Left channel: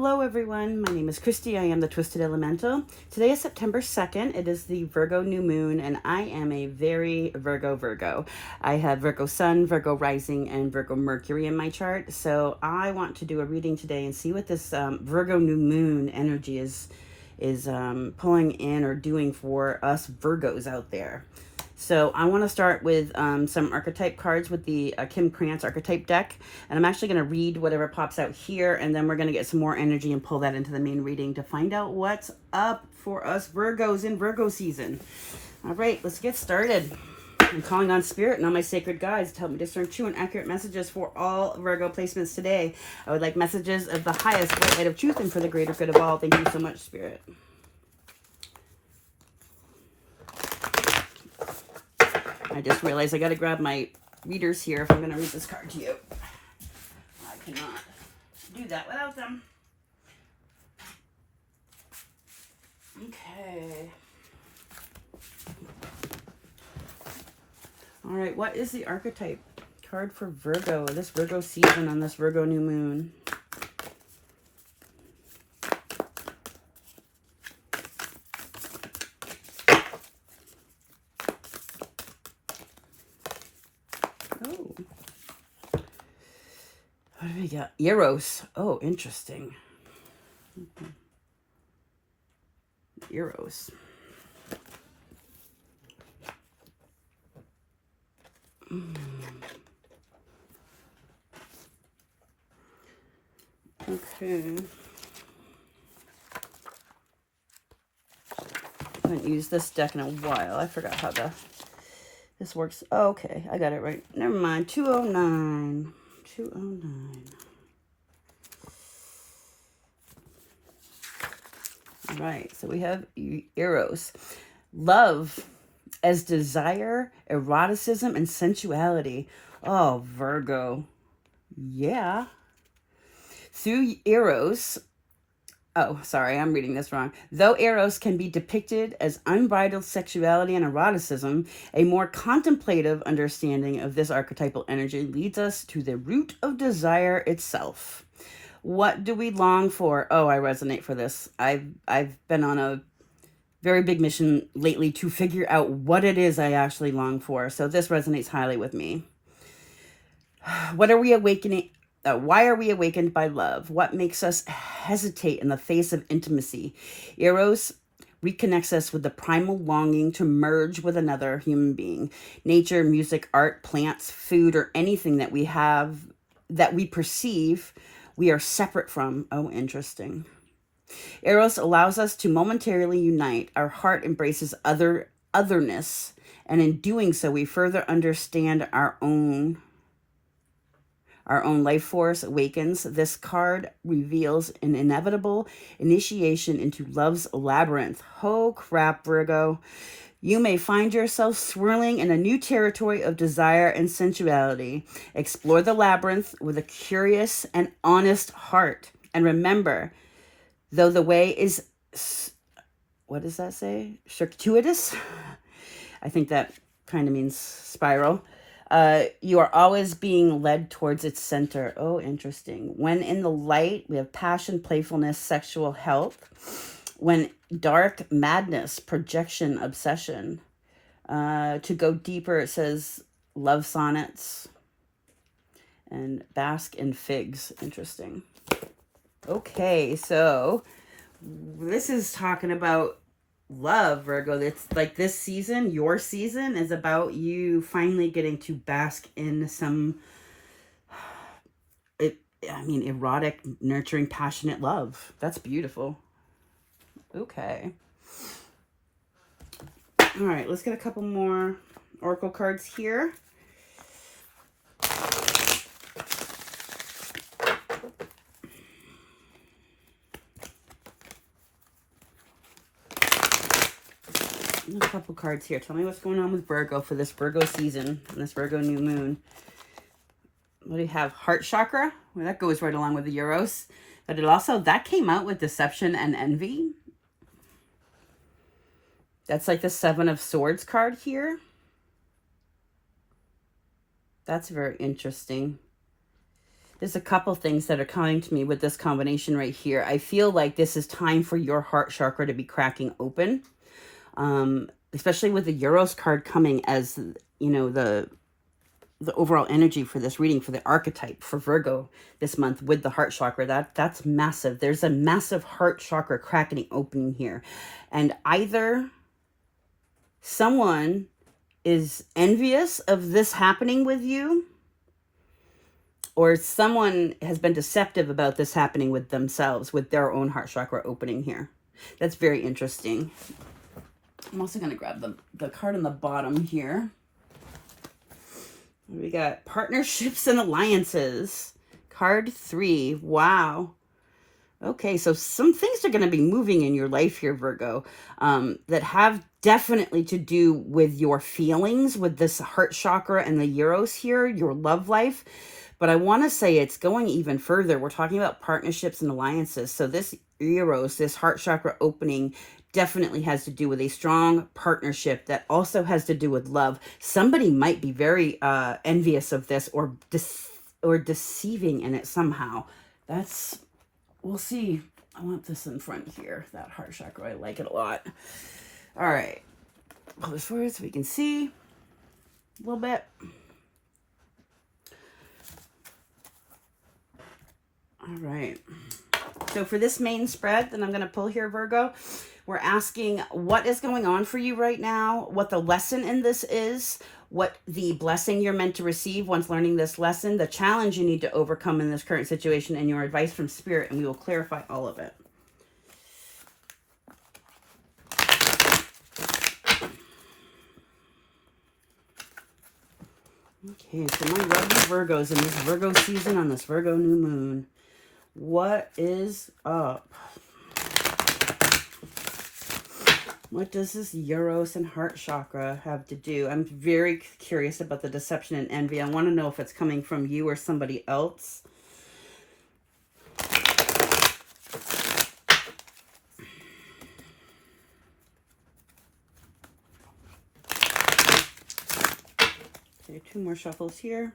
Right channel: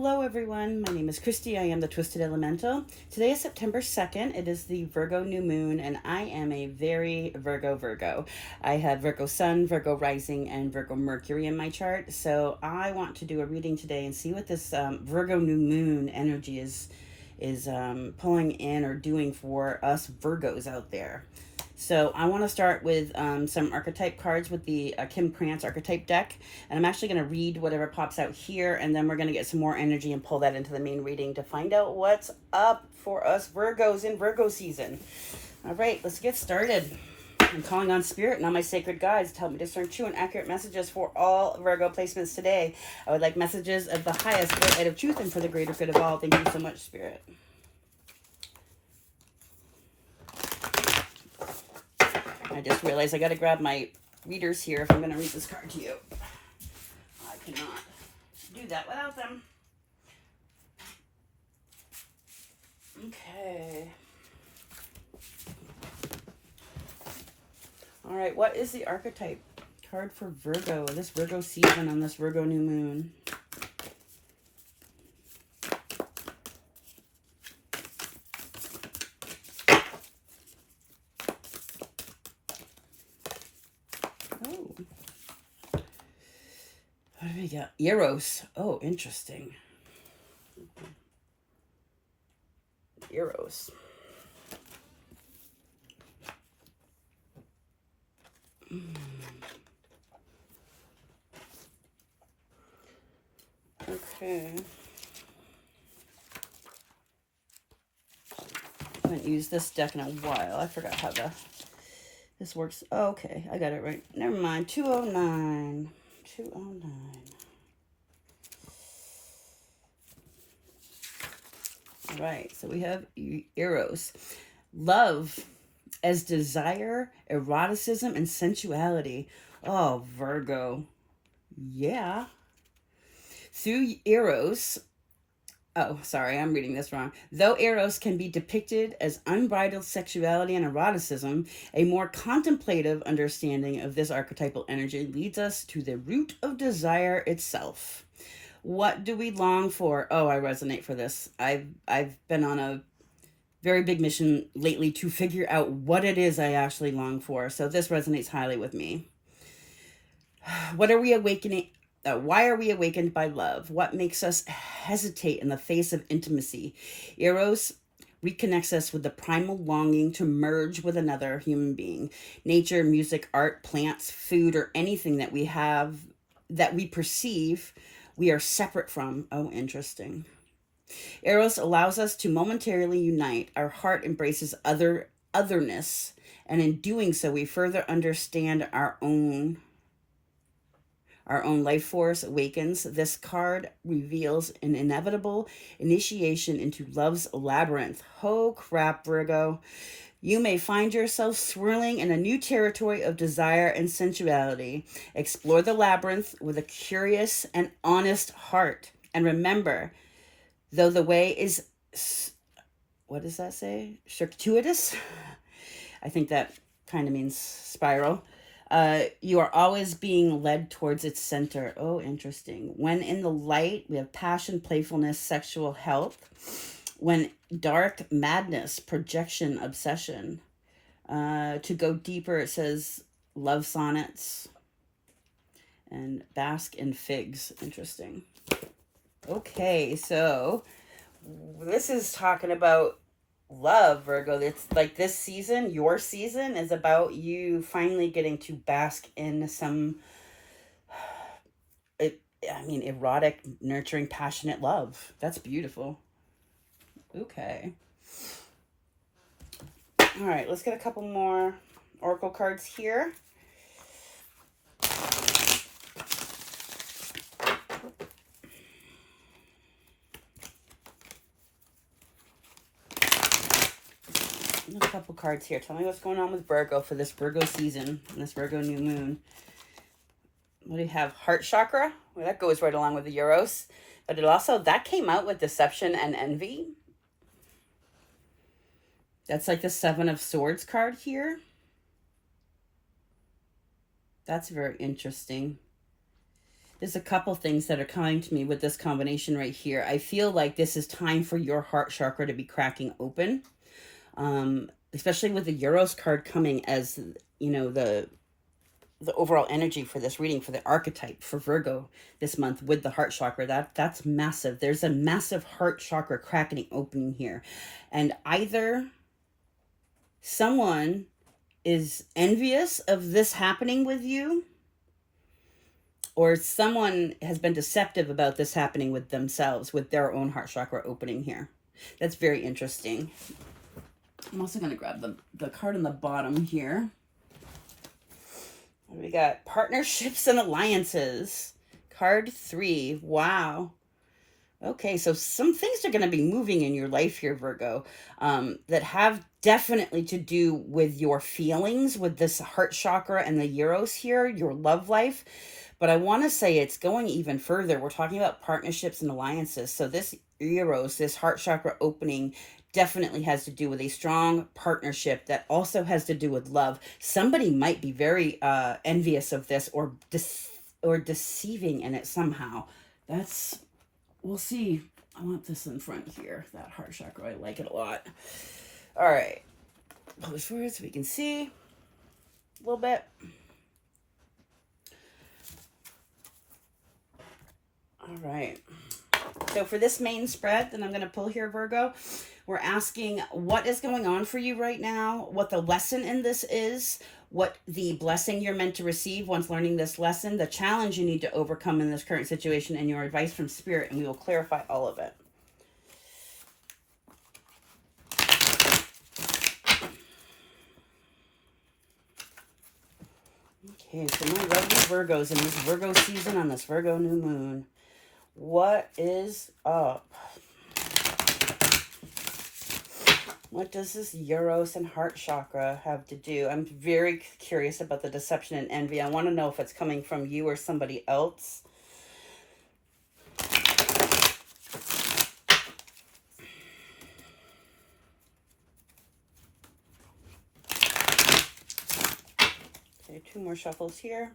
Hello everyone, my name is Kristi. I am the Twisted Elemental. Today is September 2nd. It is the Virgo new moon and I am a very Virgo. I have Virgo Sun, Virgo Rising, and Virgo Mercury in my chart. So I want to do a reading today and see what this Virgo new moon energy is pulling in or doing for us Virgos out there. So I want to start with some archetype cards with the Kim Krantz archetype deck. And I'm actually going to read whatever pops out here. And then we're going to get some more energy and pull that into the main reading to find out what's up for us Virgos in Virgo season. All right, let's get started. I'm calling on Spirit and on my sacred guides to help me discern true and accurate messages for all Virgo placements today. I would like messages of the highest light of truth and for the greater good of all. Thank you so much, Spirit. I just realized I got to grab my readers here if I'm going to read this card to you. I cannot do that without them. Okay. All right, what is the archetype card for Virgo, this Virgo season on this Virgo new moon? What do we got? Eros. Oh, interesting. Eros. Okay. I haven't used this deck in a while. I forgot how this works. Oh, okay, I got it right. Never mind. 209. 209. All right, so we have Eros. Love as desire, eroticism, and sensuality. Oh, Virgo. Yeah. Through Eros, oh, sorry, I'm reading this wrong. Though Eros can be depicted as unbridled sexuality and eroticism, a more contemplative understanding of this archetypal energy leads us to the root of desire itself. What do we long for? Oh, I resonate for this. I've been on a very big mission lately to figure out what it is I actually long for. So this resonates highly with me. What are we awakening? Why are we awakened by love? What makes us hesitate in the face of intimacy? Eros reconnects us with the primal longing to merge with another human being. Nature, music, art, plants, food, or anything that we have, that we perceive we are separate from. Oh, interesting. Eros allows us to momentarily unite. Our heart embraces otherness, and in doing so, we further understand our own life force awakens. This card reveals an inevitable initiation into love's labyrinth. Oh crap, Virgo. You may find yourself swirling in a new territory of desire and sensuality. Explore the labyrinth with a curious and honest heart. And remember, though the way is, what does that say? Circuitous? I think that kind of means spiral. You are always being led towards its center. Oh, interesting. When in the light, we have passion, playfulness, sexual health. When dark, madness, projection, obsession. To go deeper, it says love sonnets and bask in figs. Interesting. Okay, so this is talking about love, Virgo. It's like this season, your season, is about you finally getting to bask in some, erotic, nurturing, passionate love. That's beautiful. Okay. All right, let's get a couple more oracle cards here. A couple cards here. Tell me what's going on with Virgo for this Virgo season and this Virgo new moon. What do you have? Heart chakra. Well, that goes right along with the Eros. But it also, that came out with deception and envy. That's like the Seven of Swords card here. That's very interesting. There's a couple things that are coming to me with this combination right here. I feel like this is time for your heart chakra to be cracking open, especially with the Euros card coming as, you know, the overall energy for this reading for the archetype for Virgo this month with the heart chakra. That's massive. There's a massive heart chakra cracking open here. And either someone is envious of this happening with you, or someone has been deceptive about this happening with themselves, with their own heart chakra opening here. That's very interesting. I'm also going to grab the card on the bottom here. We got partnerships and alliances. Card 3. Wow. Okay, so some things are going to be moving in your life here, Virgo, that have definitely to do with your feelings, with this heart chakra and the Euros here, your love life. But I want to say it's going even further. We're talking about partnerships and alliances. So this Euros, this heart chakra opening, definitely has to do with a strong partnership that also has to do with love. Somebody might be very envious of this or deceiving in it somehow. We'll see. I want this in front here, that heart chakra. I like it a lot. All right. Pull this forward so we can see a little bit. All right. So for this main spread that I'm going to pull here, Virgo, we're asking what is going on for you right now, what the lesson in this is, what the blessing you're meant to receive once learning this lesson, the challenge you need to overcome in this current situation, and your advice from Spirit, and we will clarify all of it. Okay, so my lovely Virgos in this Virgo season on this Virgo new moon. What is up? What does this Euros and heart chakra have to do? I'm very curious about the deception and envy. I want to know if it's coming from you or somebody else. Okay, 2 more shuffles here.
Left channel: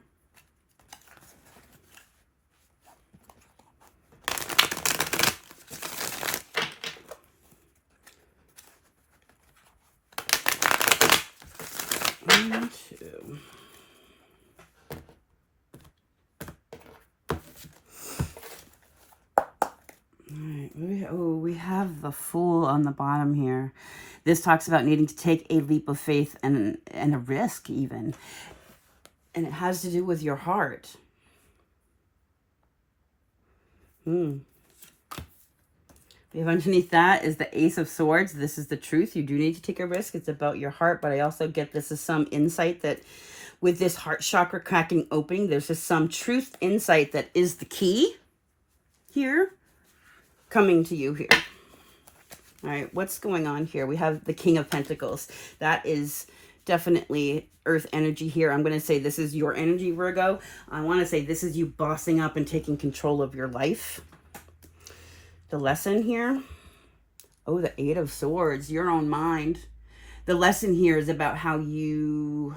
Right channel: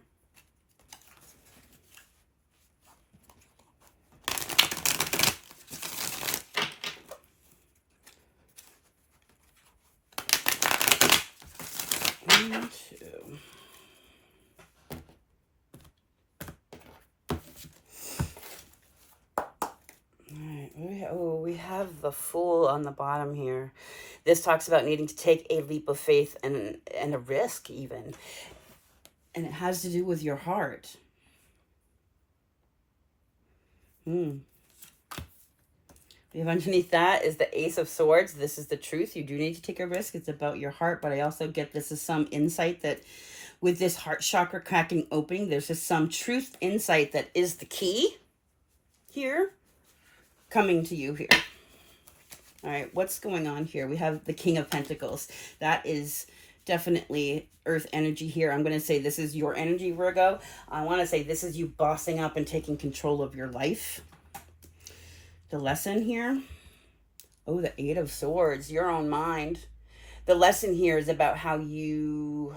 We have the Fool on the bottom here. This talks about needing to take a leap of faith and a risk even. And it has to do with your heart. We have underneath that is the Ace of Swords. This is the truth. You do need to take a risk. It's about your heart. But I also get this is some insight that with this heart chakra cracking opening, there's just some truth insight that is the key here coming to you here. All right, what's going on here? We have the King of Pentacles. That is definitely earth energy here. I'm going to say this is your energy, Virgo. I want to say this is you bossing up and taking control of your life. The lesson here. Oh, the Eight of Swords, your own mind. The lesson here is about how your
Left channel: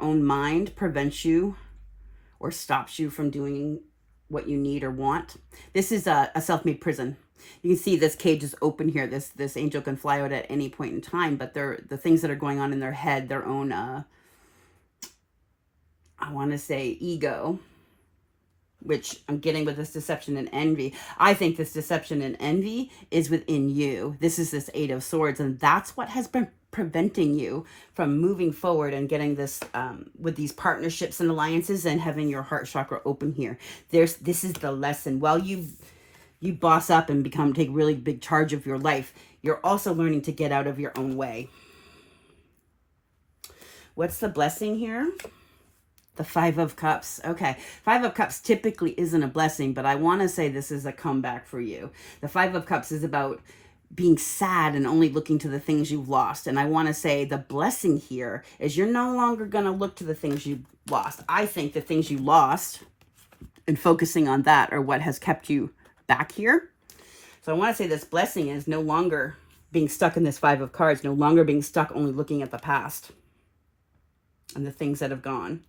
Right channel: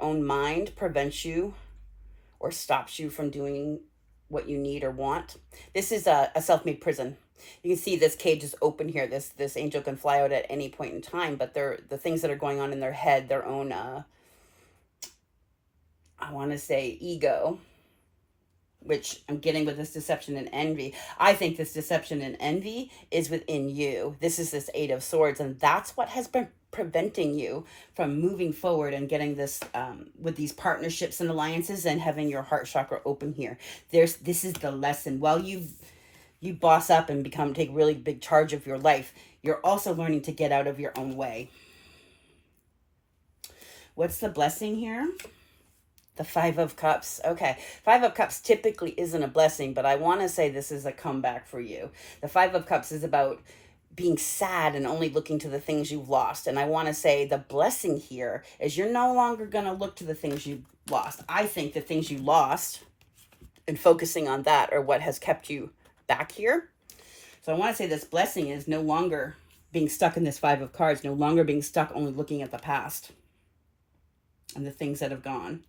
own mind prevents you or stops you from doing what you need or want. This is a self-made prison. You can see this cage is open here. This angel can fly out at any point in time, but the things that are going on in their head, their own, I want to say ego, which I'm getting with this deception and envy. I think this deception and envy is within you. This is this Eight of Swords, and that's what has been preventing you from moving forward and getting this with these partnerships and alliances and having your heart chakra open here. This is the lesson. While you boss up and take really big charge of your life, you're also learning to get out of your own way. What's the blessing here? The Five of Cups. Okay. Five of Cups typically isn't a blessing, but I want to say this is a comeback for you. The Five of Cups is about being sad and only looking to the things you've lost. And I want to say the blessing here is you're no longer going to look to the things you lost. I think the things you lost and focusing on that are what has kept you back here. So I want to say this blessing is no longer being stuck in this Five of Cards, no longer being stuck only looking at the past and the things that have gone.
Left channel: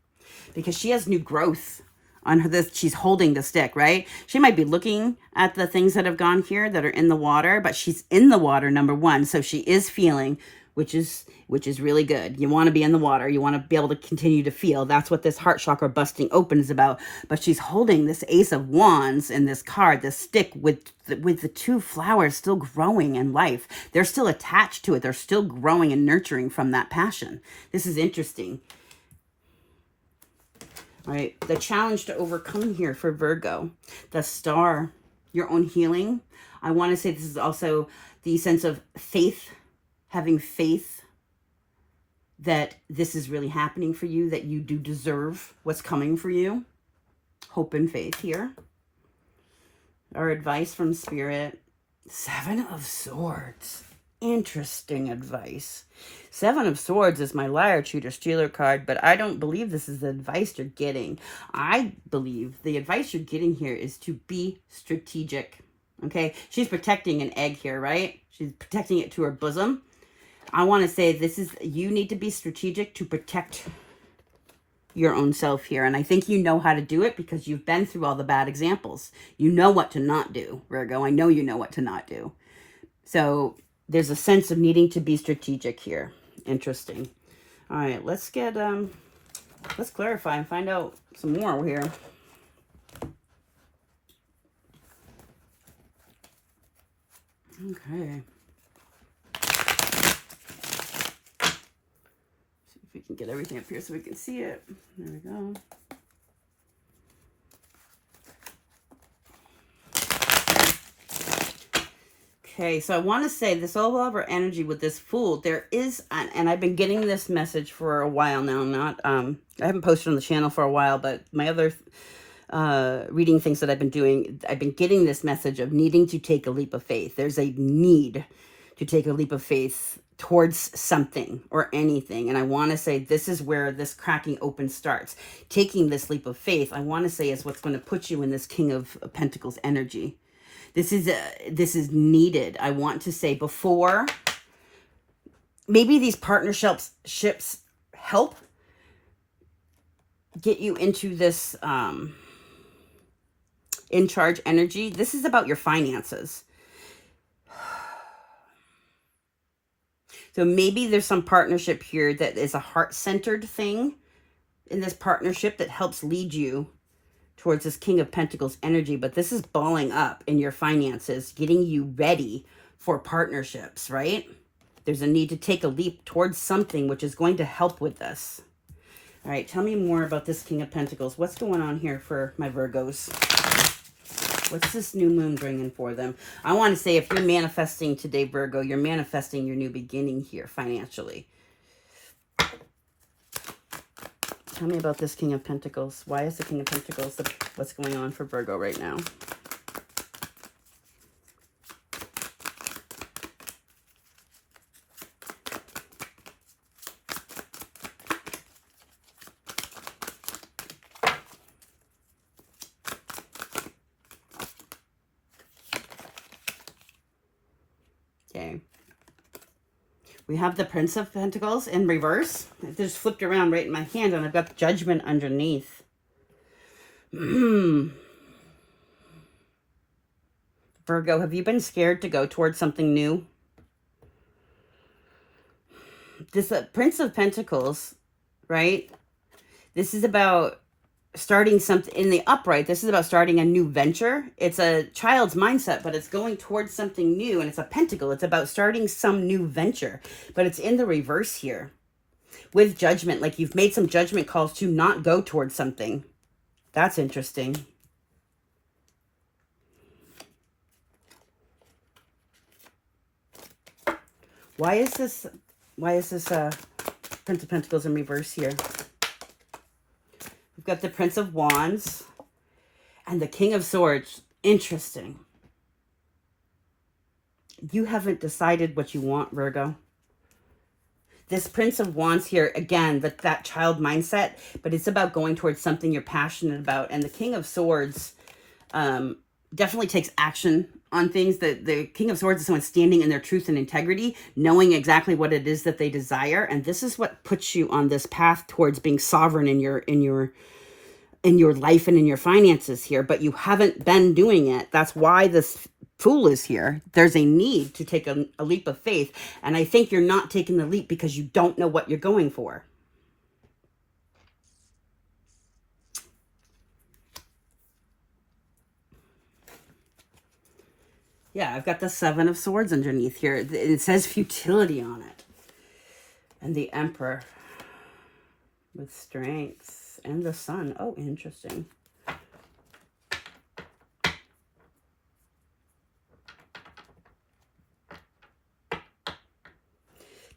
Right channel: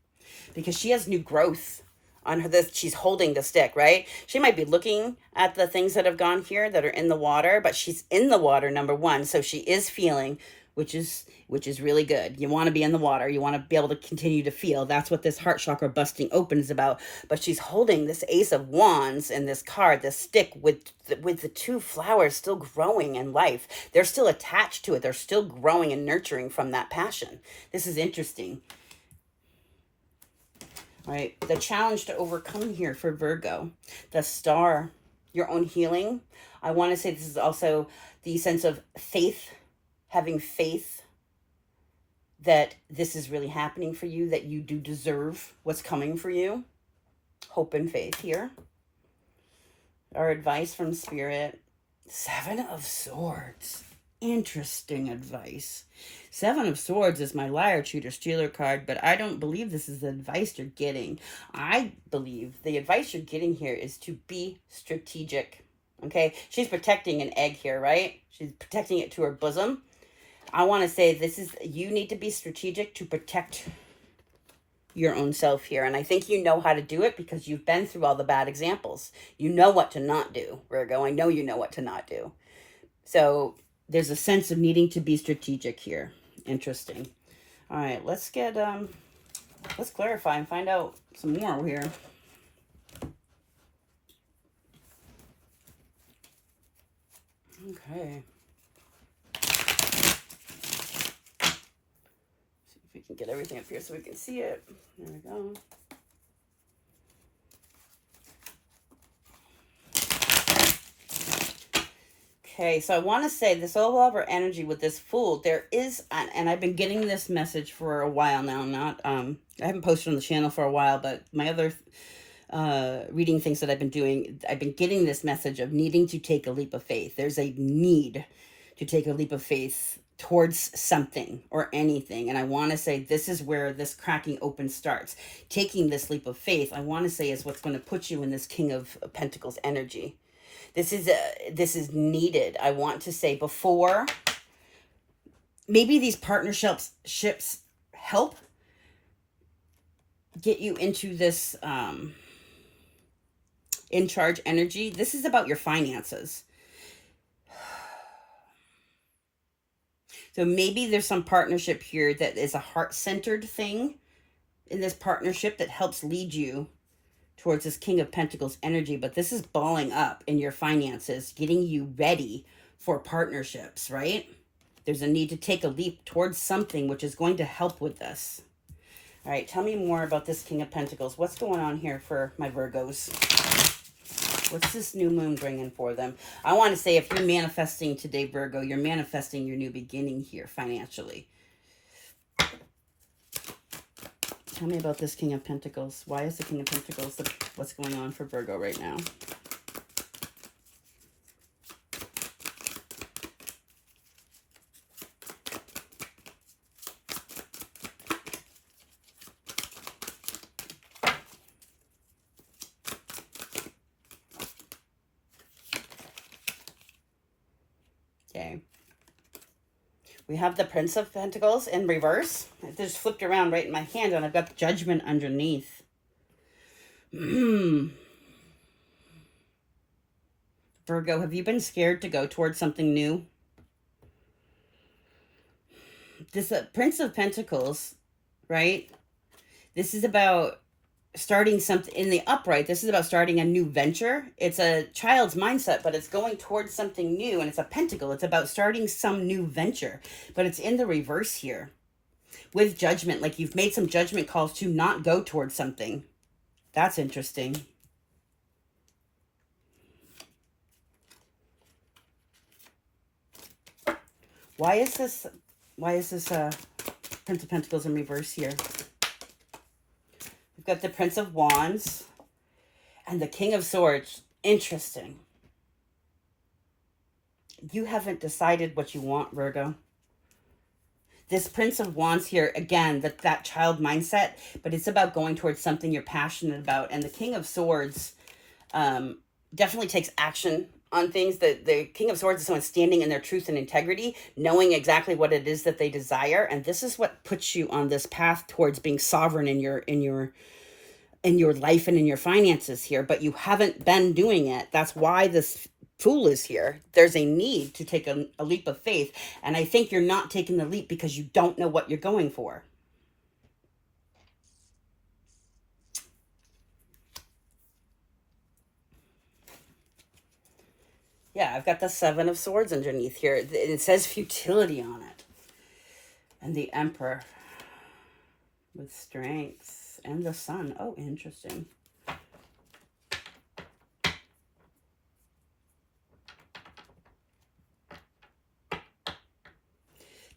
Because she has new growth on her, this, she's holding the stick, right? She might be looking at the things that have gone here that are in the water, but she's in the water, number one. So she is feeling, which is really good. You want to be in the water. You want to be able to continue to feel. That's what this heart chakra busting open is about. But she's holding this Ace of Wands in this card, this stick with the two flowers still growing in life. They're still attached to it. They're still growing and nurturing from that passion. This is interesting. Right, the challenge to overcome here for Virgo, the star, your own healing. I want to say this is also the sense of faith, having faith that this is really happening for you, that you do deserve what's coming for you. Hope and faith here. Our advice from Spirit, 7 of Swords. Interesting advice. 7 of Swords is my liar, cheater, stealer card, but I don't believe this is the advice you're getting. I believe the advice you're getting here is to be strategic. Okay? She's protecting an egg here, right? She's protecting it to her bosom. I want to say this is, you need to be strategic to protect your own self here. And I think you know how to do it because you've been through all the bad examples. You know what to not do, Virgo. I know you know what to not do. So there's a sense of needing to be strategic here. Interesting. All right, let's clarify and find out some more here. Okay. See if we can get everything up here so we can see it. There we go. Okay, so I want to say this all over energy with this Fool, there is, and I've been getting this message for a while now, I haven't posted on the channel for a while, but my other reading things that I've been doing, I've been getting this message of needing to take a leap of faith. There's a need to take a leap of faith towards something or anything. And I want to say this is where this cracking open starts. Taking this leap of faith, I want to say, is what's going to put you in this King of Pentacles energy. This is needed. I want to say before, maybe these partnerships help get you into this in charge energy. This is about your finances. So maybe there's some partnership here that is a heart-centered thing in this partnership that helps lead you towards this King of Pentacles energy, but this is balling up in your finances, getting you ready for partnerships, right? There's a need to take a leap towards something which is going to help with this. All right, tell me more about this King of Pentacles. What's going on here for my Virgos? What's this new moon bringing for them? I want to say if you're manifesting today, Virgo, you're manifesting your new beginning here financially. Tell me about this King of Pentacles. Why is the King of Pentacles what's going on for Virgo right now? Okay. We have the Prince of Pentacles in reverse. It just flipped around right in my hand, and I've got Judgment underneath. Virgo, have you been scared to go towards something new? This Prince of Pentacles, right? This is about starting something in the upright. This is about starting a new venture. It's a child's mindset, but it's going towards something new, and it's a pentacle. It's about starting some new venture, but it's in the reverse here with Judgment. Like you've made some judgment calls to not go towards something. That's interesting. Why is this Prince of Pentacles in reverse here? We've got the Prince of Wands and the King of Swords. Interesting. You haven't decided what you want, Virgo. This Prince of Wands here, again, that child mindset, but it's about going towards something you're passionate about. And the King of Swords definitely takes action on things. The King of Swords is someone standing in their truth and integrity, knowing exactly what it is that they desire. And this is what puts you on this path towards being sovereign in your in your life and in your finances here, but you haven't been doing it. That's why this Fool is here. There's a need to take a leap of faith. And I think you're not taking the leap because you don't know what you're going for. Yeah, I've got the Seven of Swords underneath here. It says futility on it. And the Emperor with strengths and the Sun. Oh, interesting.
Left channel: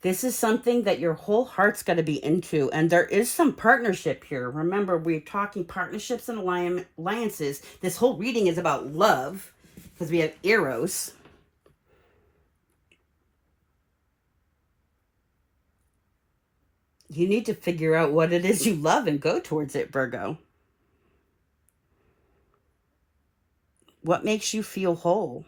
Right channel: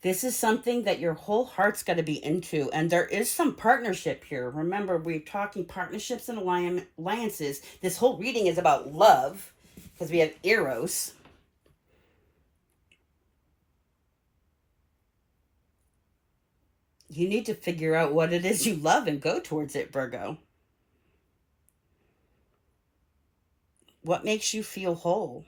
This is something that your whole heart's got to be into. And there is some partnership here. Remember, we're talking partnerships and alliances. This whole reading is about love because we have Eros. You need to figure out what it is you love and go towards it, Virgo. What makes you feel whole?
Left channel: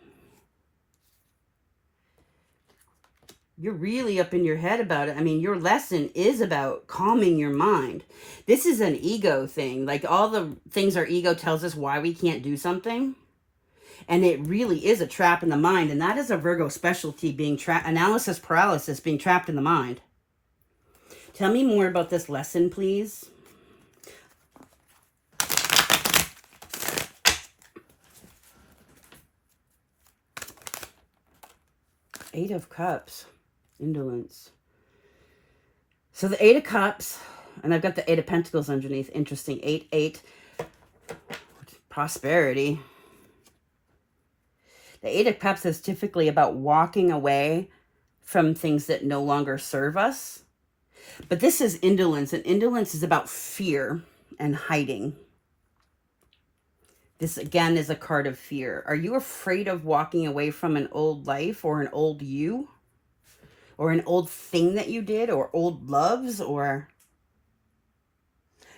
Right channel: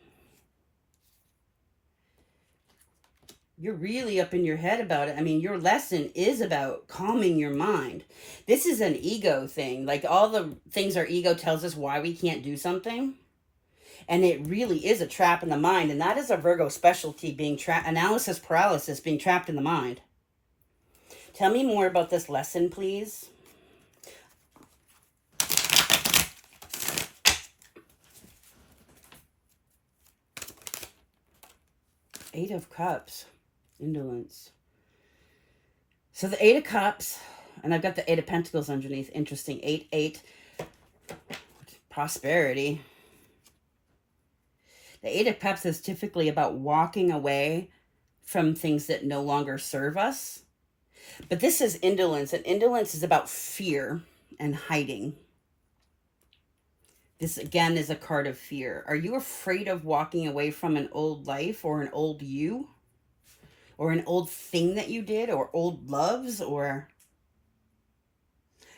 You're really up in your head about it. I mean, your lesson is about calming your mind. This is an ego thing. Like all the things our ego tells us why we can't do something. And it really is a trap in the mind. And that is a Virgo specialty, being analysis paralysis, being trapped in the mind. Tell me more about this lesson, please. Eight of Cups. Indolence. So the Eight of Cups, and I've got the Eight of Pentacles underneath. Interesting. 8. Prosperity. The Eight of Cups is typically about walking away from things that no longer serve us. But this is indolence, and indolence is about fear and hiding. This, again, is a card of fear. Are you afraid of walking away from an old life or an old you? Or an old thing that you did, or old loves, or...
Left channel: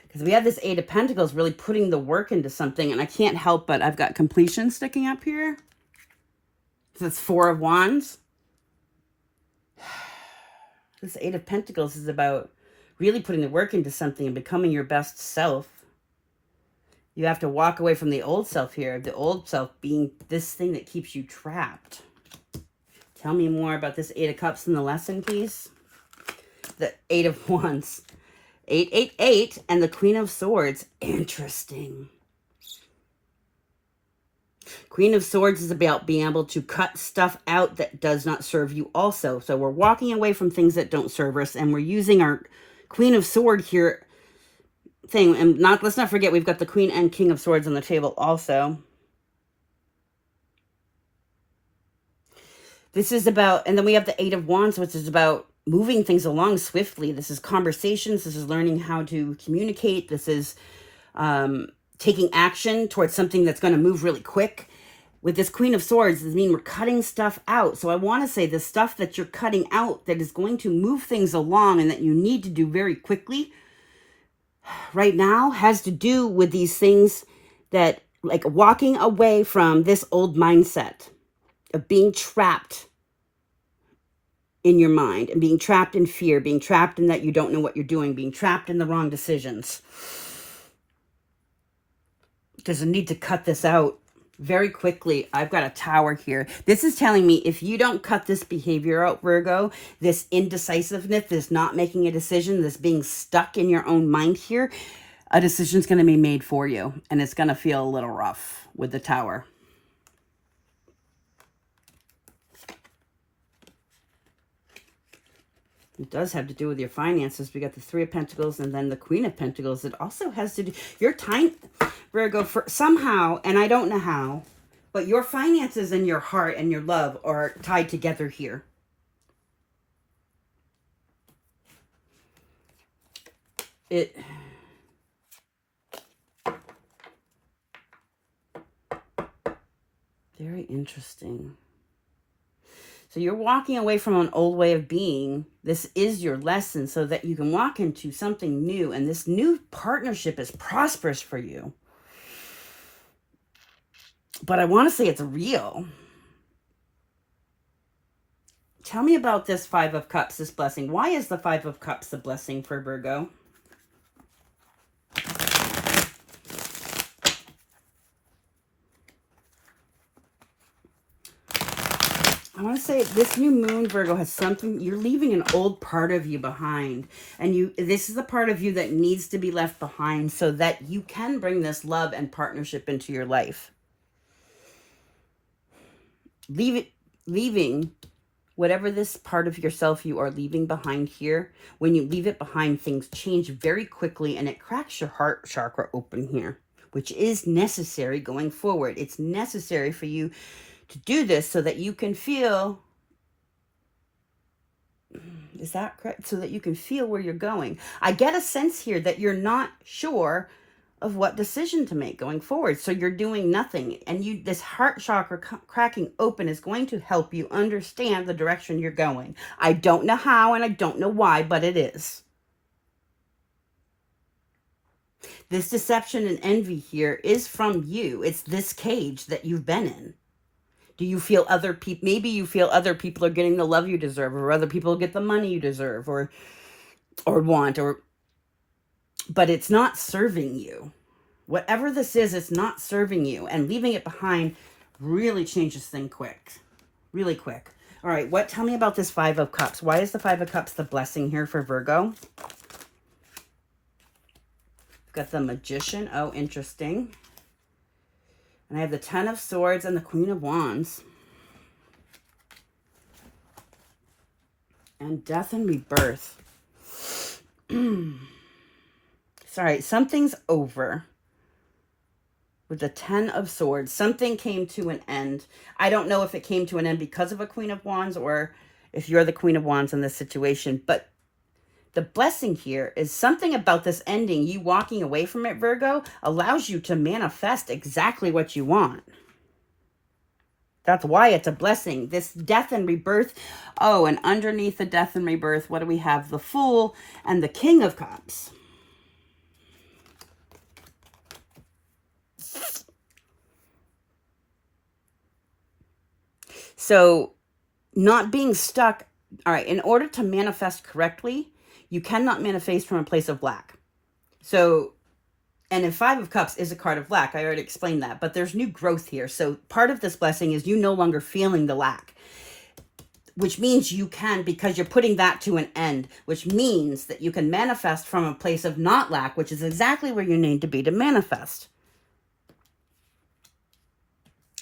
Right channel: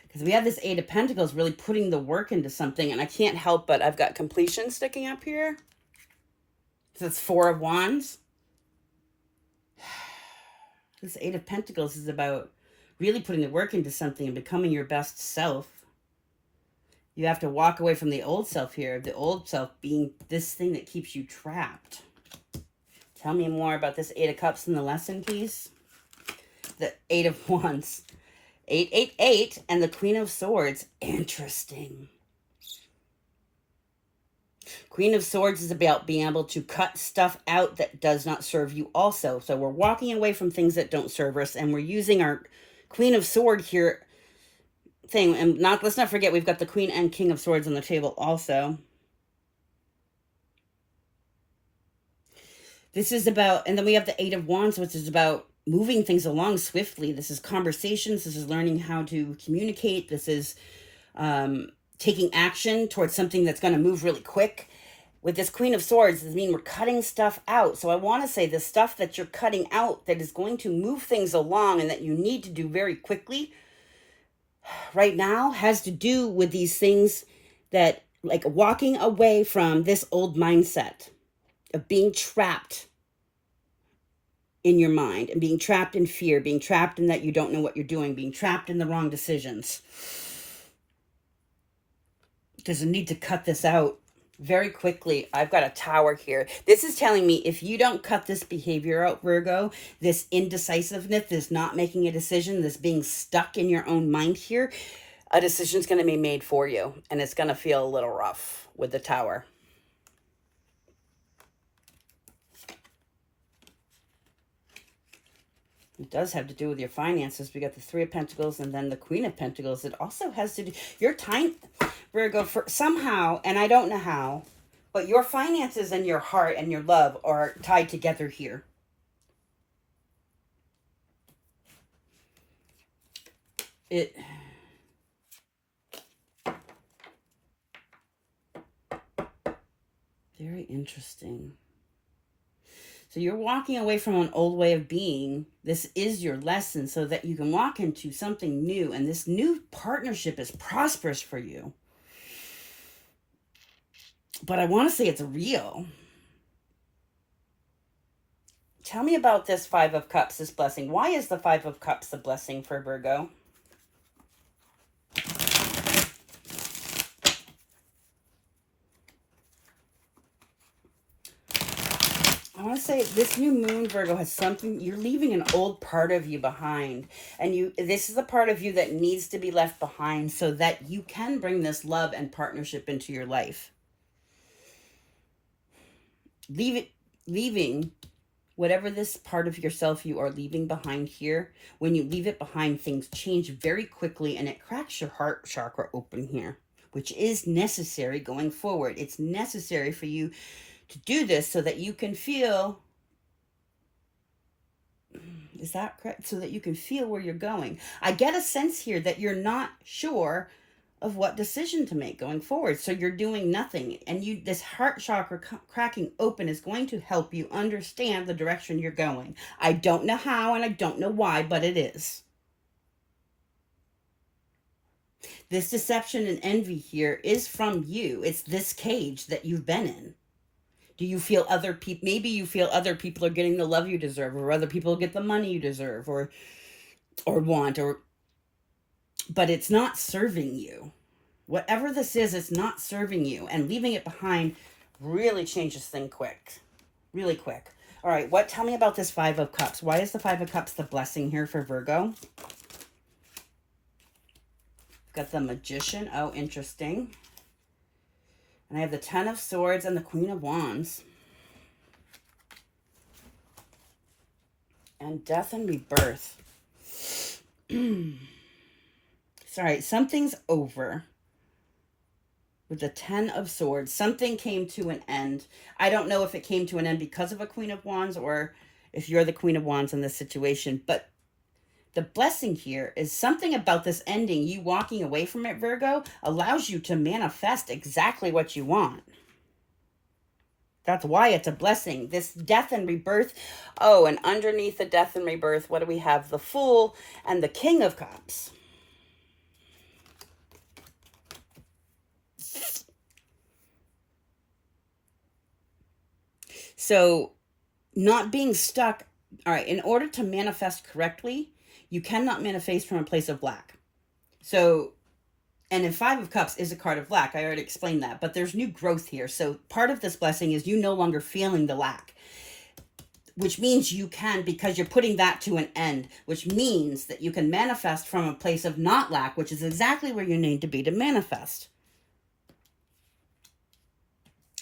Because we have this Eight of Pentacles really putting the work into something, and I can't help but I've got completion sticking up here. So it's Four of Wands. This Eight of Pentacles is about really putting the work into something and becoming your best self. You have to walk away from the old self here, the old self being this thing that keeps you trapped. Tell me more about this Eight of Cups in the lesson, please. The Eight of Wands. 8, and the Queen of Swords. Interesting. Queen of Swords is about being able to cut stuff out that does not serve you also. So we're walking away from things that don't serve us, and we're using our Queen of Sword here thing. And let's not forget, we've got the Queen and King of Swords on the table also. This is about, and then we have the Eight of Wands, which is about moving things along swiftly. This is conversations. This is learning how to communicate. This is taking action towards something that's going to move really quick. With this Queen of Swords, this means we're cutting stuff out. So I want to say the stuff that you're cutting out that is going to move things along and that you need to do very quickly right now has to do with these things that, like, walking away from this old mindset of being trapped in your mind and being trapped in fear, being trapped in that you don't know what you're doing, being trapped in the wrong decisions. There's a need to cut this out very quickly. I've got a Tower here. This is telling me if you don't cut this behavior out, Virgo, this indecisiveness, this not making a decision, this being stuck in your own mind here, a decision's going to be made for you. And it's going to feel a little rough with the Tower. It does have to do with your finances. We got the Three of Pentacles and then the Queen of Pentacles. It also has to do, your time, Virgo, for somehow, and I don't know how, but your finances and your heart and your love are tied together here. Very interesting. So you're walking away from an old way of being. This is your lesson so that you can walk into something new. And this new partnership is prosperous for you. But I want to say it's real. Tell me about this Five of Cups, this blessing. Why is the Five of Cups the blessing for Virgo? I want to say this new moon, Virgo, has something. You're leaving an old part of you behind. And this is the part of you that needs to be left behind so that you can bring this love and partnership into your life. Leaving whatever this part of yourself you are leaving behind here. When you leave it behind, things change very quickly and it cracks your heart chakra open here, which is necessary going forward. It's necessary for you to do this so that you can feel, is that correct? So that you can feel where you're going. I get a sense here that you're not sure of what decision to make going forward. So you're doing nothing. And this heart chakra cracking open is going to help you understand the direction you're going. I don't know how and I don't know why, but it is. This deception and envy here is from you. It's this cage that you've been in. Do you feel other people, maybe you feel other people are getting the love you deserve, or other people get the money you deserve or want, but it's not serving you. Whatever this is, it's not serving you, and leaving it behind really changes things quick, really quick. All right, tell me about this Five of Cups. Why is the Five of Cups the blessing here for Virgo? Got the Magician. Oh, interesting. And I have the Ten of Swords and the Queen of Wands. And Death and Rebirth. Sorry, something's over. With the Ten of Swords. Something came to an end. I don't know if it came to an end because of a Queen of Wands or if you're the Queen of Wands in this situation. But the blessing here is something about this ending, you walking away from it, Virgo, allows you to manifest exactly what you want. That's why it's a blessing. This Death and Rebirth. Oh, and underneath the Death and Rebirth, what do we have? The Fool and the King of Cups. So, not being stuck. All right, in order to manifest correctly, you cannot manifest from a place of lack. So, and in Five of Cups is a card of lack. I already explained that, but there's new growth here. So part of this blessing is you no longer feeling the lack, which means you can, because you're putting that to an end, which means that you can manifest from a place of not lack, which is exactly where you need to be to manifest.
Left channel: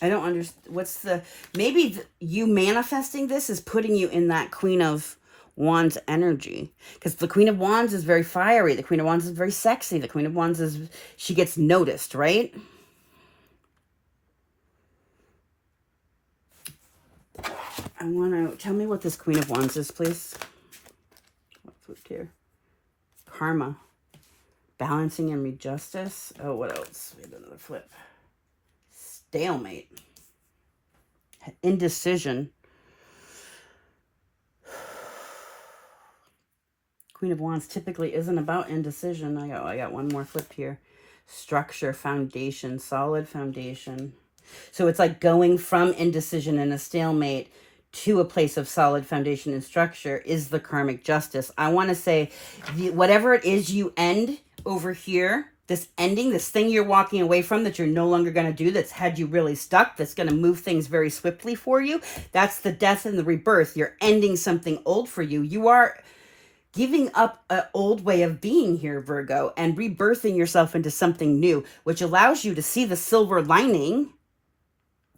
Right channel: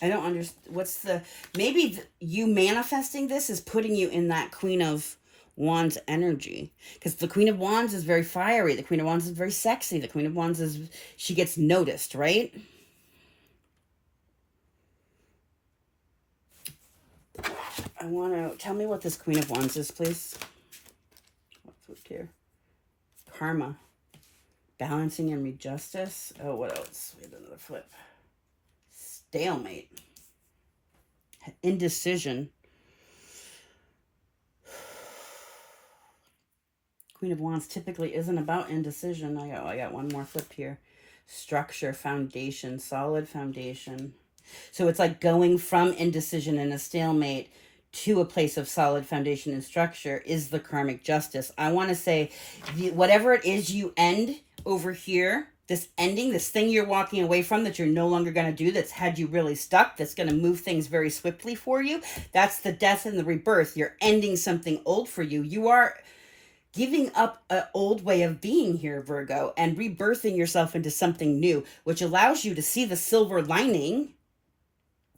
I don't understand. Maybe you manifesting this is putting you in that Queen of Wands energy, because the Queen of Wands is very fiery. The Queen of Wands is very sexy. The Queen of Wands she gets noticed, right? Tell me what this Queen of Wands is, please. What flipped here? Karma. Balancing and justice. Oh, what else? We have another flip. Stalemate. Indecision. Queen of Wands typically isn't about indecision. I got one more flip here. Structure, foundation, solid foundation. So it's like going from indecision and a stalemate to a place of solid foundation and structure is the karmic justice. I want to say whatever it is you end over here, this ending, this thing you're walking away from that you're no longer going to do, that's had you really stuck, that's going to move things very swiftly for you, that's the Death and the Rebirth. You're ending something old for you. You are giving up an old way of being here, Virgo, and rebirthing yourself into something new, which allows you to see the silver lining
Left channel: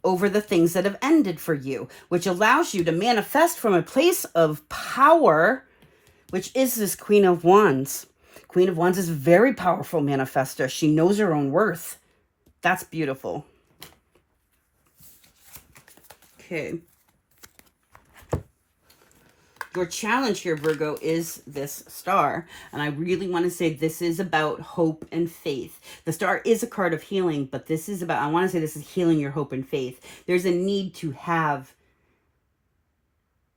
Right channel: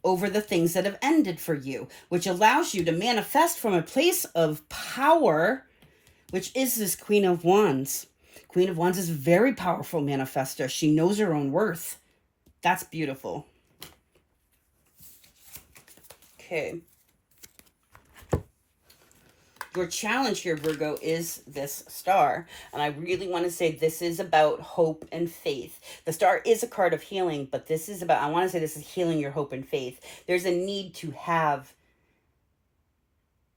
over the things that have ended for you, which allows you to manifest from a place of power, which is this Queen of Wands. Queen of Wands is a very powerful manifester. She knows her own worth. That's beautiful. Okay. Your challenge here, Virgo, is this star. And I really want to say this is about hope and faith. The star is a card of healing, but this is about, I want to say this is healing your hope and faith. There's a need to have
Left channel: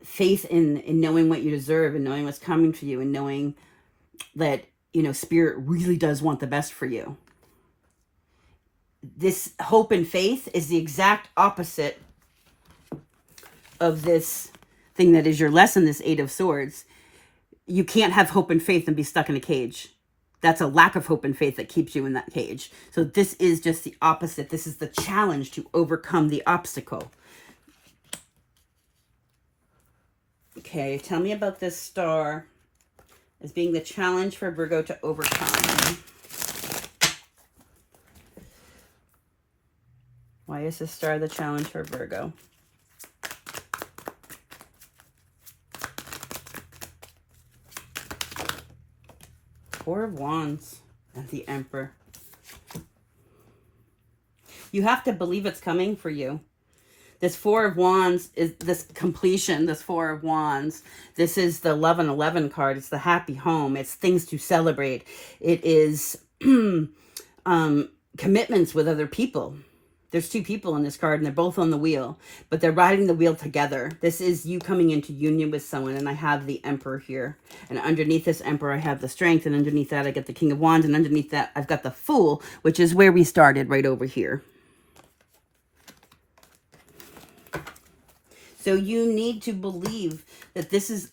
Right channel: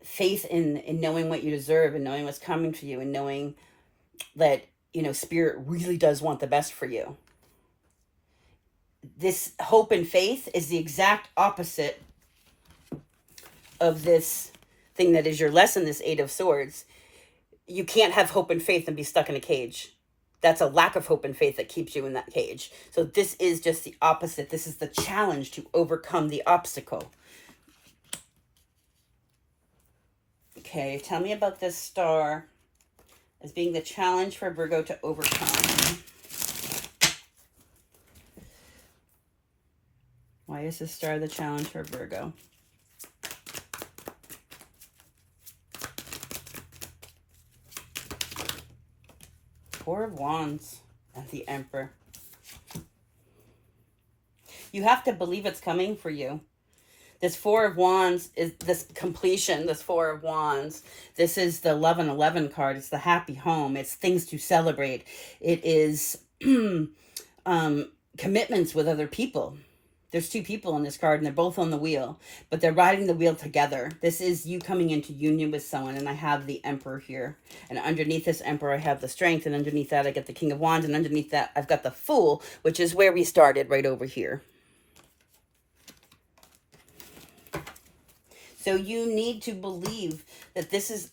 faith in knowing what you deserve and knowing what's coming for you and knowing that, Spirit really does want the best for you. This hope and faith is the exact opposite of this thing that is your lesson, this Eight of Swords. You can't have hope and faith and be stuck in a cage. That's a lack of hope and faith that keeps you in that cage. So this is just the opposite. This is the challenge to overcome the obstacle. Okay, tell me about this star as being the challenge for Virgo to overcome. Why is this star the challenge for Virgo? Four of Wands and the Emperor. You have to believe it's coming for you. This Four of Wands is this completion, this Four of Wands. This is the 1111 card. It's the happy home. It's things to celebrate. It is commitments with other people. There's two people on this card, and they're both on the wheel, but they're riding the wheel together. This is you coming into union with someone, and I have the Emperor here. And underneath this Emperor, I have the Strength, and underneath that, I get the King of Wands, and underneath that, I've got the Fool, which is where we started, right over here. So you need to believe that this is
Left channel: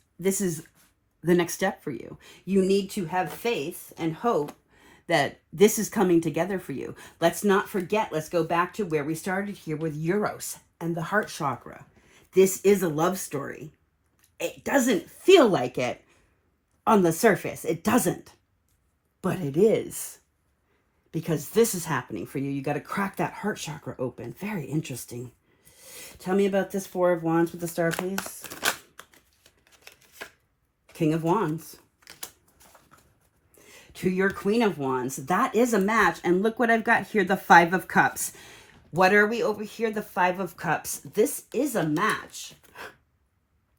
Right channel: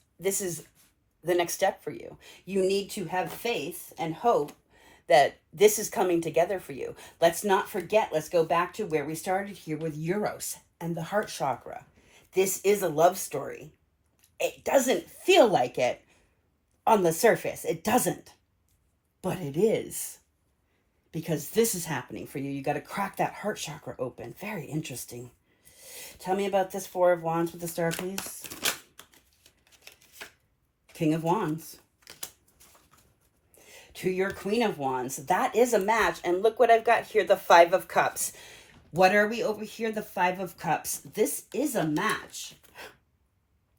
the next step for you. You need to have faith and hope that this is coming together for you. Let's not forget, let's go back to where we started here with Eros and the heart chakra. This is a love story. It doesn't feel like it on the surface. It doesn't. But it is. Because this is happening for you. You got to crack that heart chakra open. Very interesting. Tell me about this Four of Wands with the star, please. King of Wands. To your Queen of Wands. That is a match. And look what I've got here, the Five of Cups. What are we over here? The Five of Cups. This is a match.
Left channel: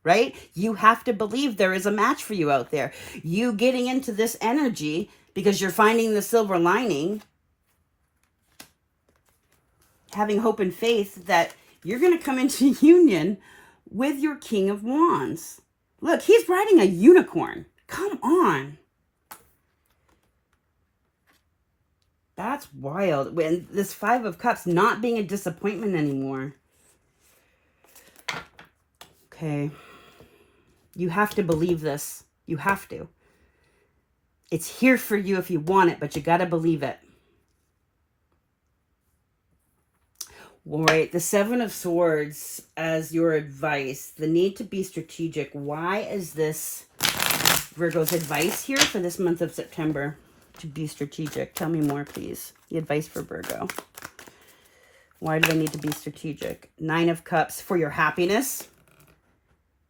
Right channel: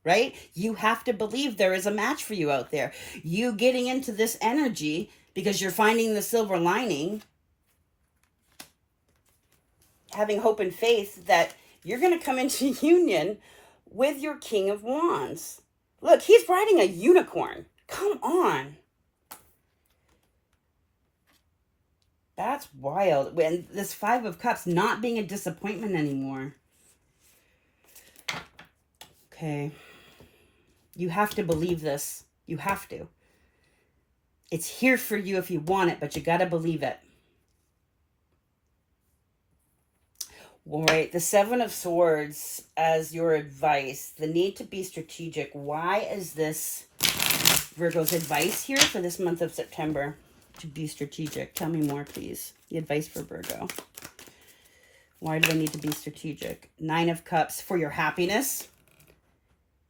Right? You have to believe there is a match for you out there. You getting into this energy because you're finding the silver lining. Having hope and faith that you're going to come into union with your King of Wands. Look, he's riding a unicorn. Come on. That's wild. And this Five of Cups not being a disappointment anymore. Okay. You have to believe this. You have to. It's here for you if you want it, but you got to believe it. All right, the Seven of Swords as your advice. The need to be strategic. Why is this Virgo's advice here for this month of September? To be strategic. Tell me more, please. The advice for Virgo. Why do they need to be strategic? Nine of Cups for your happiness.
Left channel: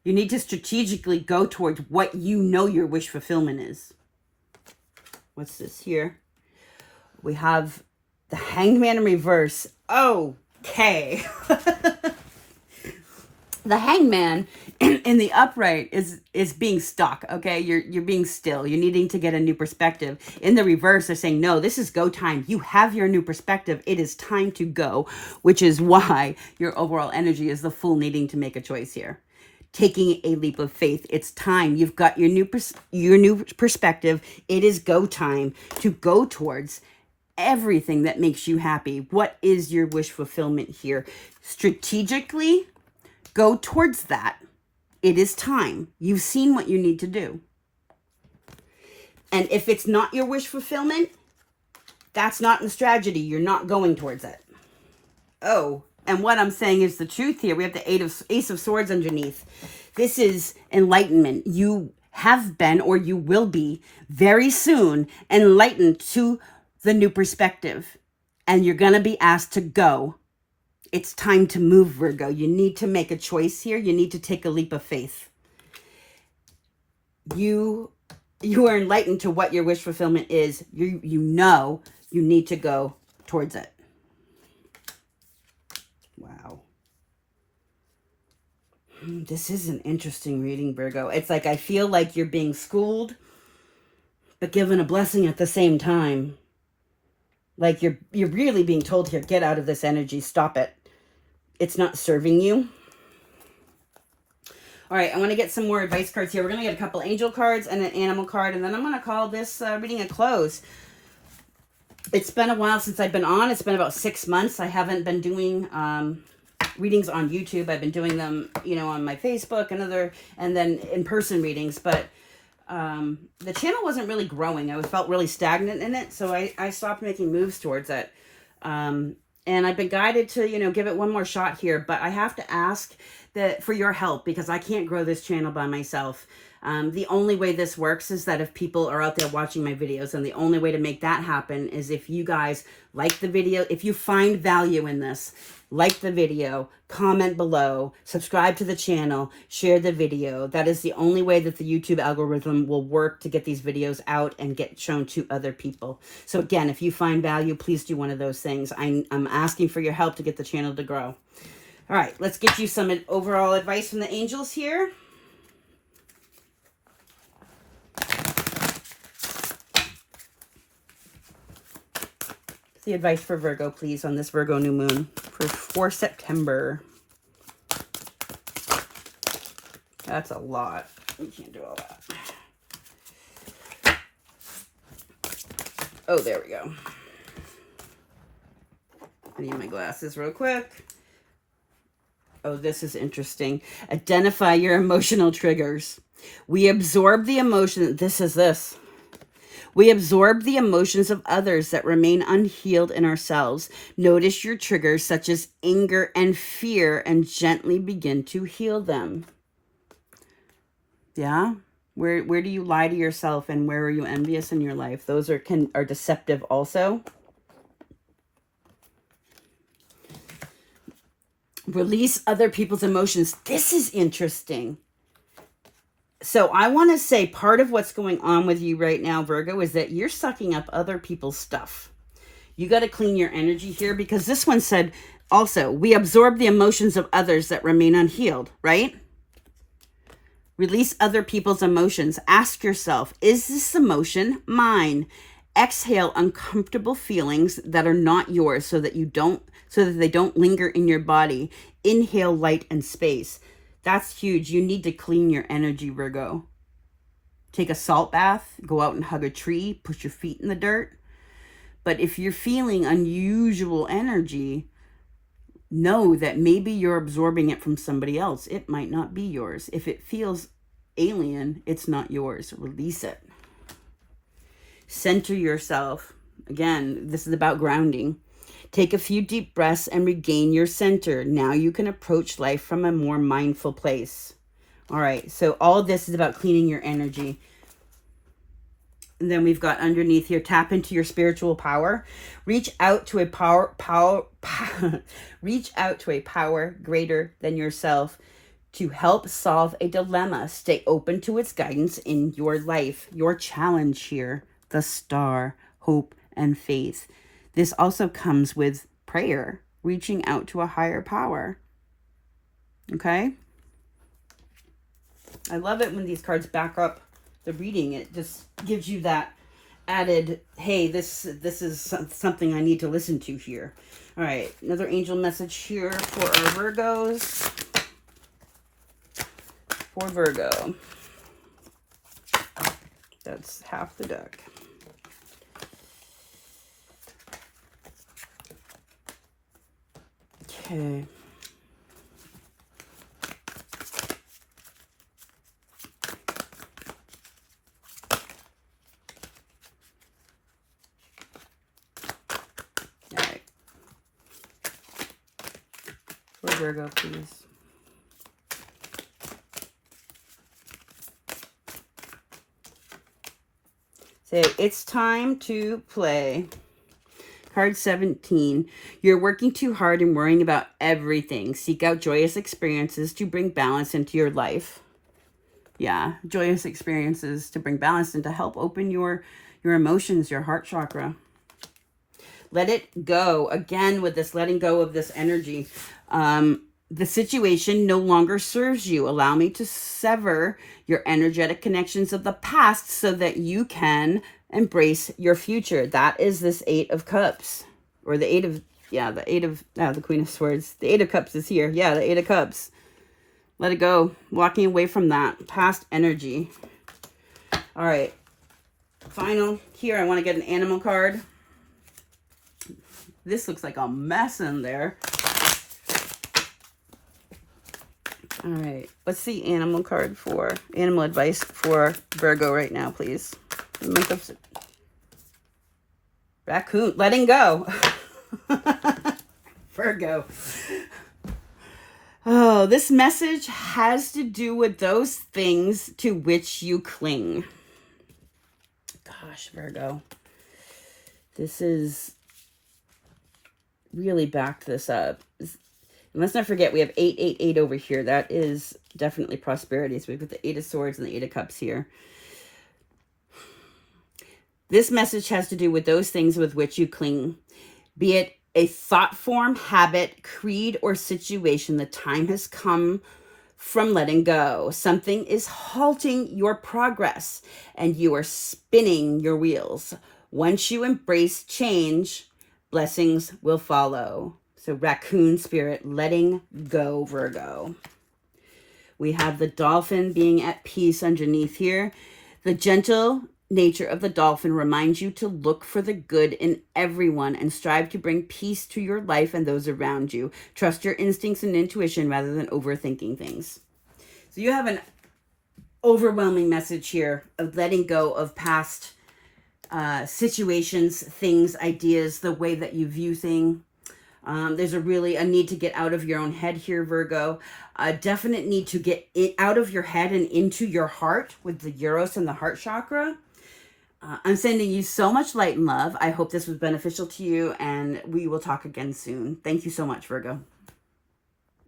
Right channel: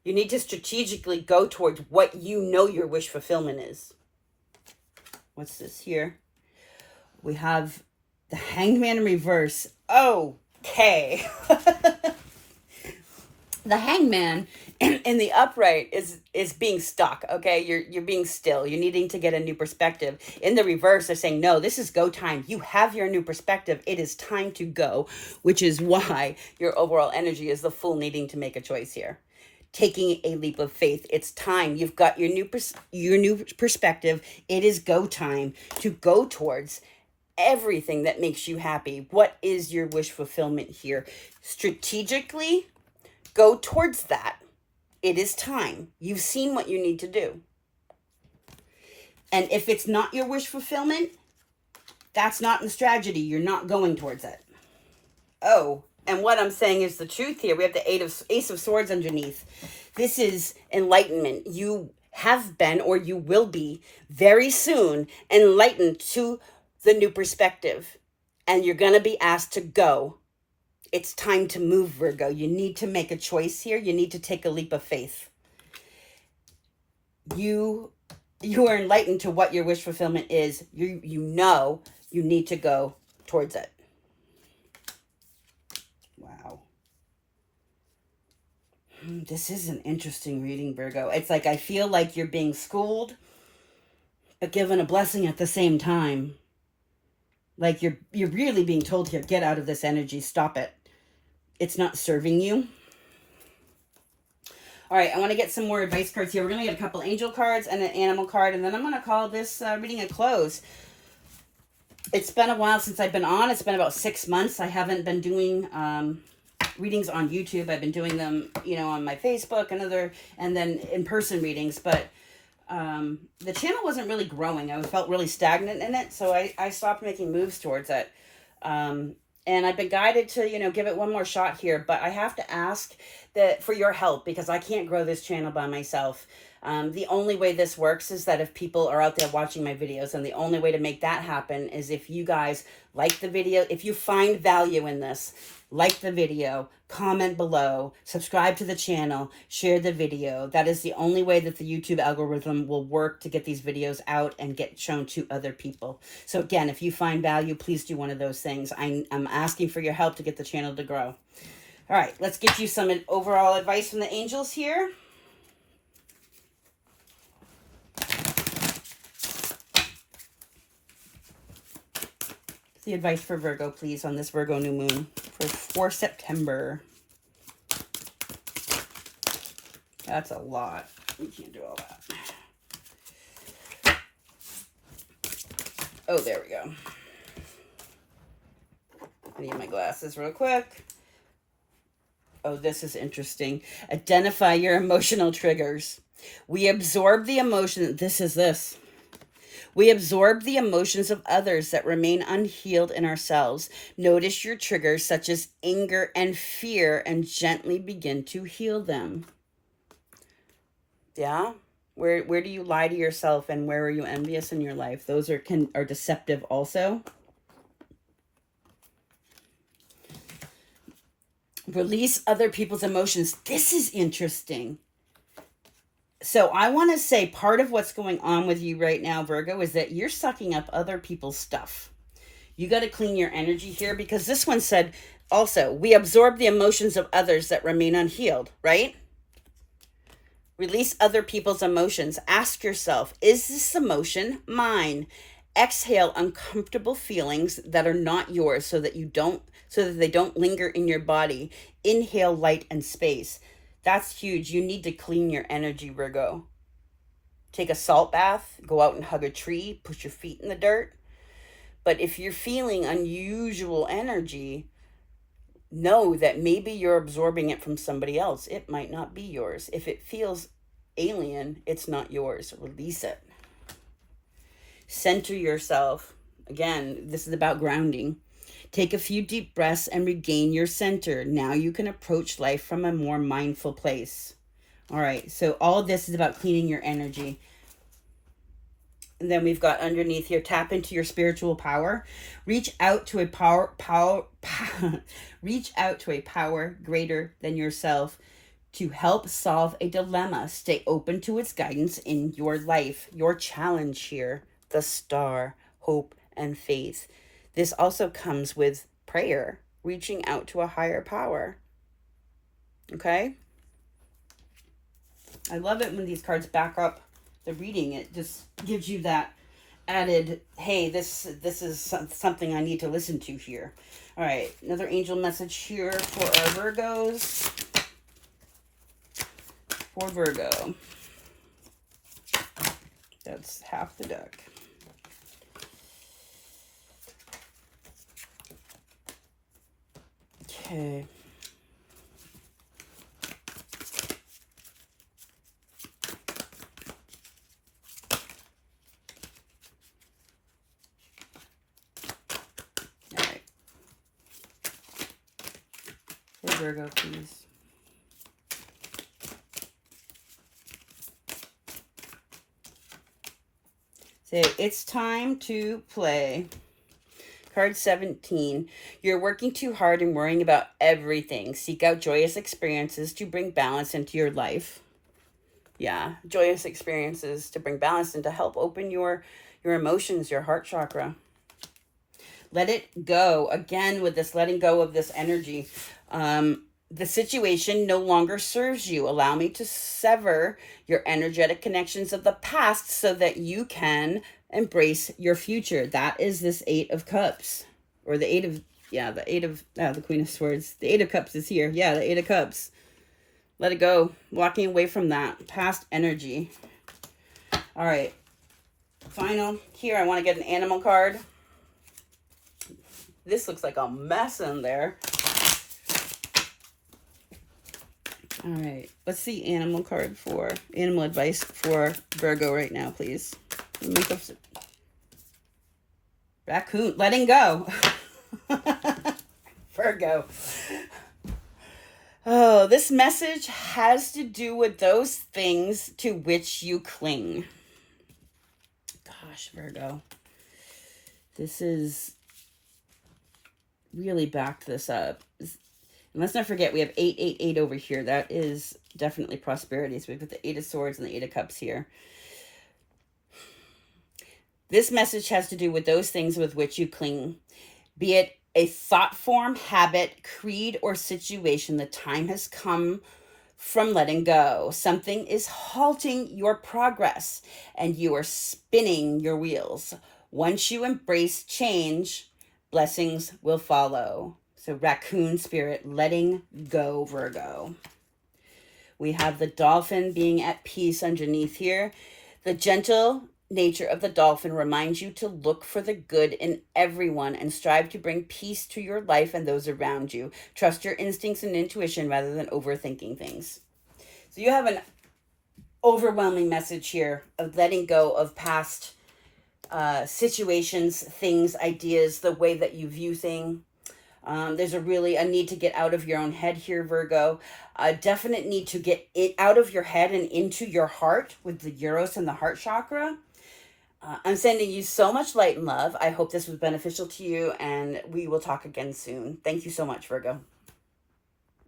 You need to strategically go towards what you know your wish fulfillment is. What's this here? We have the Hanged Man in reverse. Okay. The Hangman in the upright is being stuck, okay? You're being still. You're needing to get a new perspective. In the reverse, they're saying, no, this is go time. You have your new perspective. It is time to go, which is why your overall energy is the Fool needing to make a choice here. Taking a leap of faith. It's time. You've got your new perspective. It is go time to go towards everything that makes you happy. What is your wish fulfillment here? Strategically, go towards that. It is time. You've seen what you need to do. And if it's not your wish fulfillment, that's not in strategy. You're not going towards it. Oh, and what I'm saying is the truth here. We have the Ace of Swords underneath. This is enlightenment. You have been, or you will be very soon, enlightened to the new perspective. And you're going to be asked to go. It's time to move, Virgo. You need to make a choice here. You need to take a leap of faith. You are enlightened to what your wish fulfillment is. You know you need to go towards it. Wow. This is an interesting reading, Virgo. It's like I feel like you're being schooled, but given a blessing at the same time. Like you're really being told here, get out of this energy. Stop it. It's not serving you. All right, I want to get some more advice cards here. We're going to get a couple angel cards and an animal card, and then I'm going to call this reading a close. It's been a while since I've been on. It's been about 6 months. I haven't been doing readings on YouTube. I've been doing them, on my Facebook and then in-person readings, but the channel wasn't really growing. I felt really stagnant in it, so I stopped making moves towards it. And I've been guided to, give it one more shot here, but I have to ask that for your help because I can't grow this channel by myself. The only way this works is that if people are out there watching my videos, and the only way to make that happen is if you guys like the video, if you find value in this, like the video, comment below, subscribe to the channel, share the video. That is the only way that the YouTube algorithm will work to get these videos out and get shown to other people. So again, if you find value, please do one of those things. I'm asking for your help to get the channel to grow. All right, let's get you some overall advice from the angels here. The advice for Virgo, please, on this Virgo new moon for September. That's a lot. We can't do all that. Oh, there we go. I need my glasses real quick. Oh, this is interesting. Identify your emotional triggers. We absorb the emotion. This. We absorb the emotions of others that remain unhealed in ourselves. Notice your triggers such as anger and fear and gently begin to heal them. Yeah? Where do you lie to yourself and where are you envious in your life? Those are deceptive also. Release other people's emotions. This is interesting. So I want to say part of what's going on with you right now, Virgo, is that you're sucking up other people's stuff. You got to clean your energy here because this one said also, we absorb the emotions of others that remain unhealed, right? Release other people's emotions. Ask yourself, is this emotion mine? Exhale uncomfortable feelings that are not yours so that they don't linger in your body. Inhale light and space. That's huge. You need to clean your energy, Virgo. Take a salt bath, go out and hug a tree, put your feet in the dirt. But if you're feeling unusual energy, know that maybe you're absorbing it from somebody else. It might not be yours. If it feels alien, it's not yours. Release it. Center yourself. Again, this is about grounding. Take a few deep breaths and regain your center. Now you can approach life from a more mindful place. All right, so all of this is about cleaning your energy. And then we've got underneath here, tap into your spiritual power. Reach out to a reach out to a power greater than yourself to help solve a dilemma. Stay open to its guidance in your life. Your challenge here, the star, hope, and faith. This also comes with prayer, reaching out to a higher power. Okay? I love it when these cards back up the reading. It just gives you that added, hey, this is something I need to listen to here. All right, another angel message here for our Virgos. For Virgo. That's half the deck. Okay. All right. For Virgo, please. Say, it's time to play. Card 17. You're working too hard and worrying about everything. Seek out joyous experiences to bring balance into your life. Yeah, joyous experiences to bring balance and to help open your emotions, your heart chakra. Let it go. Again, with this letting go of this energy. The situation no longer serves you. Allow me to sever your energetic connections of the past so that you can embrace your future. That is this 8 of Cups. Or the 8 of, the Queen of Swords. The 8 of Cups is here. Yeah, the 8 of Cups. Let it go. Walking away from that past energy. All right. Final. Here, I want to get an animal card. This looks like a mess in there. All right, let's see animal card for animal advice for Virgo right now, please. Raccoon, letting go. Virgo. Oh, this message has to do with those things to which you cling. Gosh, Virgo. This is really backed this up. And let's not forget, we have 888 over here. That is definitely prosperity. So we've got the 8 of Swords and the 8 of Cups here. This message has to do with those things with which you cling, be it a thought form, habit, creed, or situation. The time has come from letting go. Something is halting your progress and you are spinning your wheels. Once you embrace change, blessings will follow. So raccoon spirit, letting go, Virgo. We have the dolphin being at peace underneath here. The gentle nature of the dolphin reminds you to look for the good in everyone and strive to bring peace to your life and those around you. Trust your instincts and intuition rather than overthinking things. So you have an overwhelming message here of letting go of past situations, things, ideas, the way that you view things. There's a need to get out of your own head here, Virgo. A definite need to get it out of your head and into your heart with the Eros and the heart chakra. I'm sending you so much light and love. I hope this was beneficial to you, and we will talk again soon. Thank you so much, Virgo.